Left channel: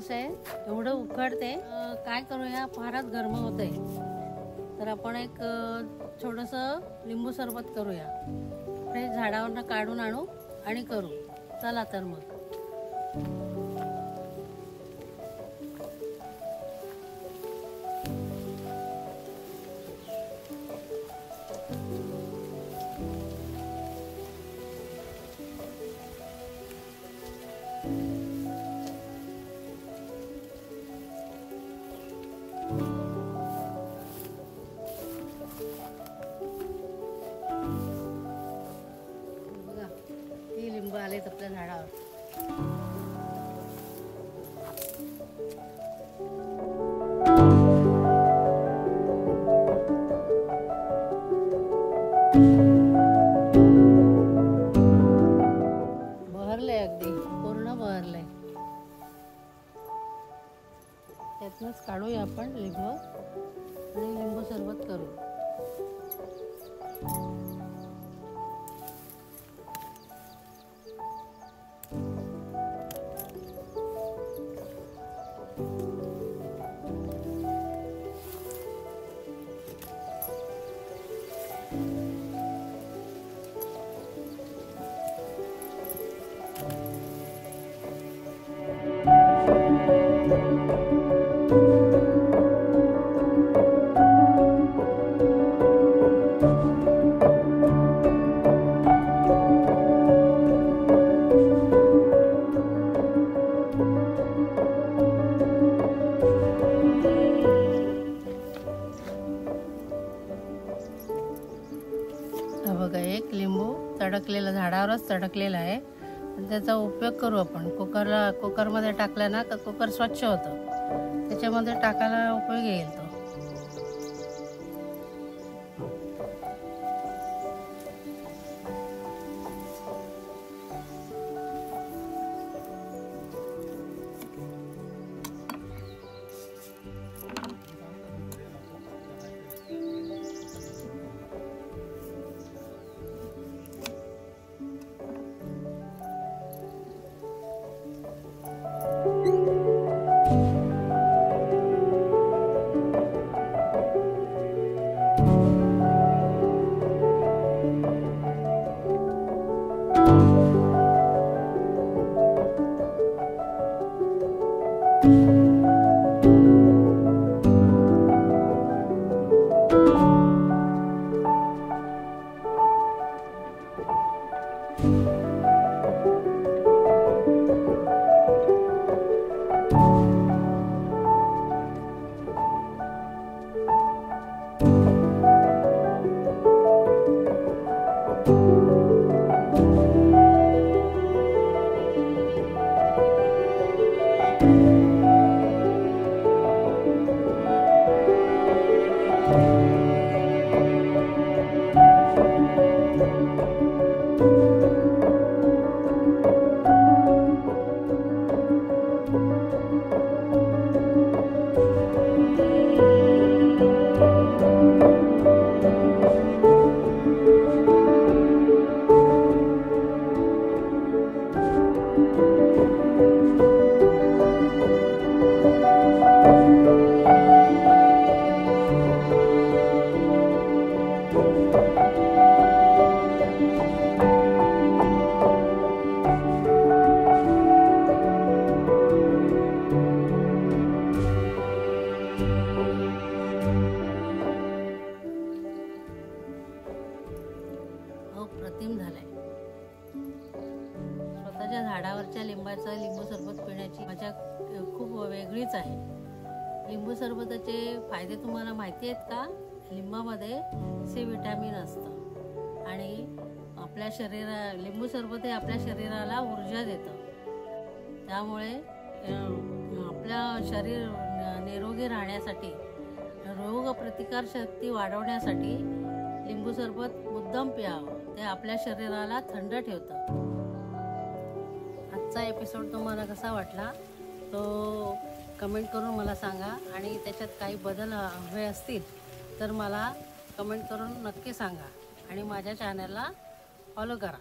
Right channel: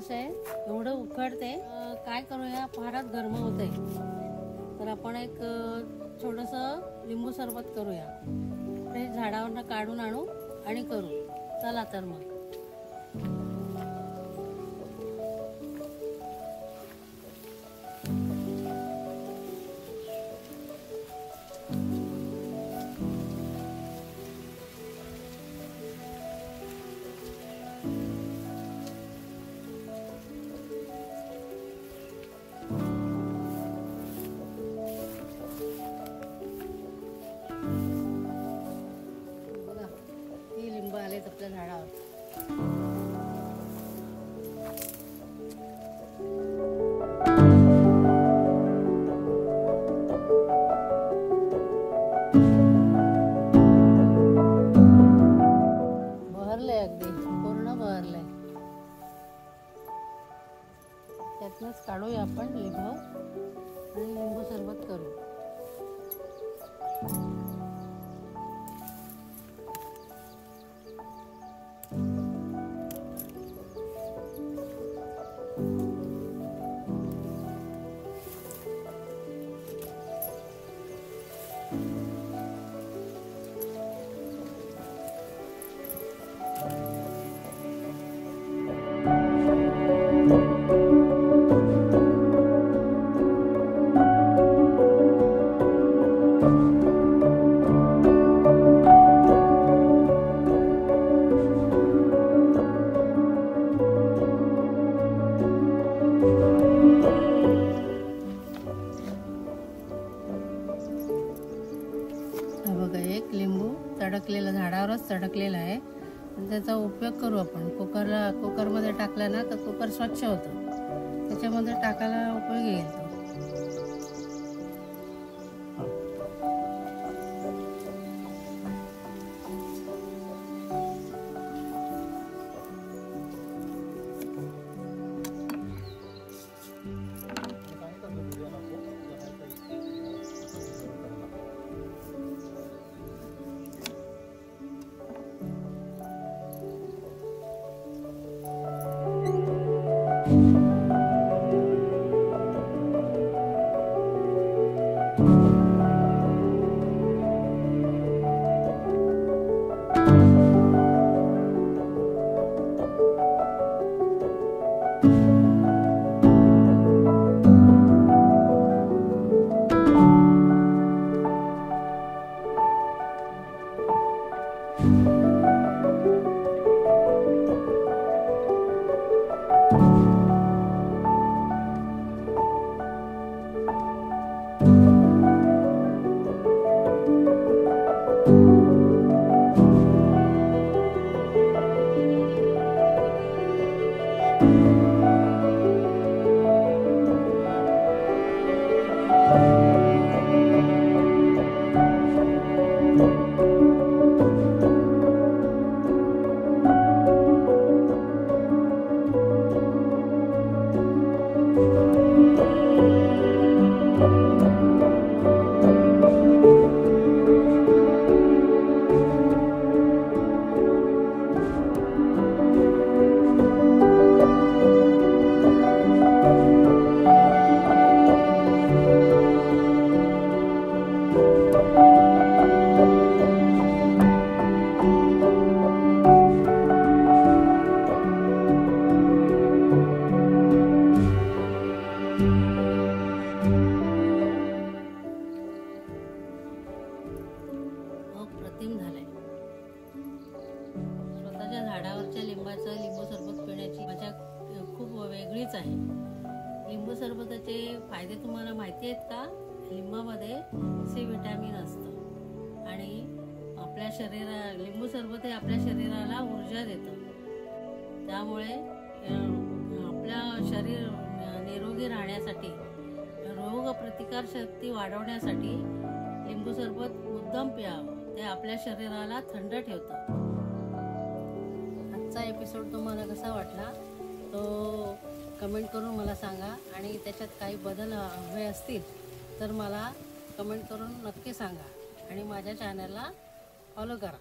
दिवस आहे, एवढं उकडते, काय करूया, फारच गरम होते, तर आपण एक छोटंसं लिंबू सरबत करूया. हे झाडावरनं काढून आणू आणि करू. चला तर मग. लिंब आलेत आपल्या झाडावर. बहरलंय, अगदी पूर्ण बहरलंय. त्यातनंच काढूया आपण लिंब आणि लिंबू सरबत करू. बघा, एक लिंबू तडकलेला, झाडावरच तडकलेला आहे. त्याचा उपयोग करू आपण. कुकरमध्ये टाकला ना तर कुकर स्वच्छ होतं, त्याच्यामध्ये टाकायला उपयोग येईल तो. अप्रतिम झालंय. स्वतःच्या झाडावरच्या लिंबाचं लिंबू सरबत पिण्याची मजा खूप वेगळीच आहे. लिंबू सरबताचे फायदे तुम्हाला माहिती आहेत का? लिंबामध्ये सी विटॅमिन असतं आणि आपल्या लिंबू सरबत हे आपल्या शरीराला ऊर्जा देतं. त्यामुळे आपल्या शरीर निरोगी राहण्यासाठी, रोग प्रतिकार शक्ती वाढवण्यासाठी लिंबू सरबत मुद्दाम प्यावं. ते आपल्या शरीराला थंड ठेवतं. आजचा एपिसोड तुम्हाला कसा वाटला तो कमेंट करून मला सांगा, आणि त्याच्यात काही बदल हवे असतील तर मला कमेंट करून नक्की सांगा, आणि माझ्या चॅनलला फॉलो करा.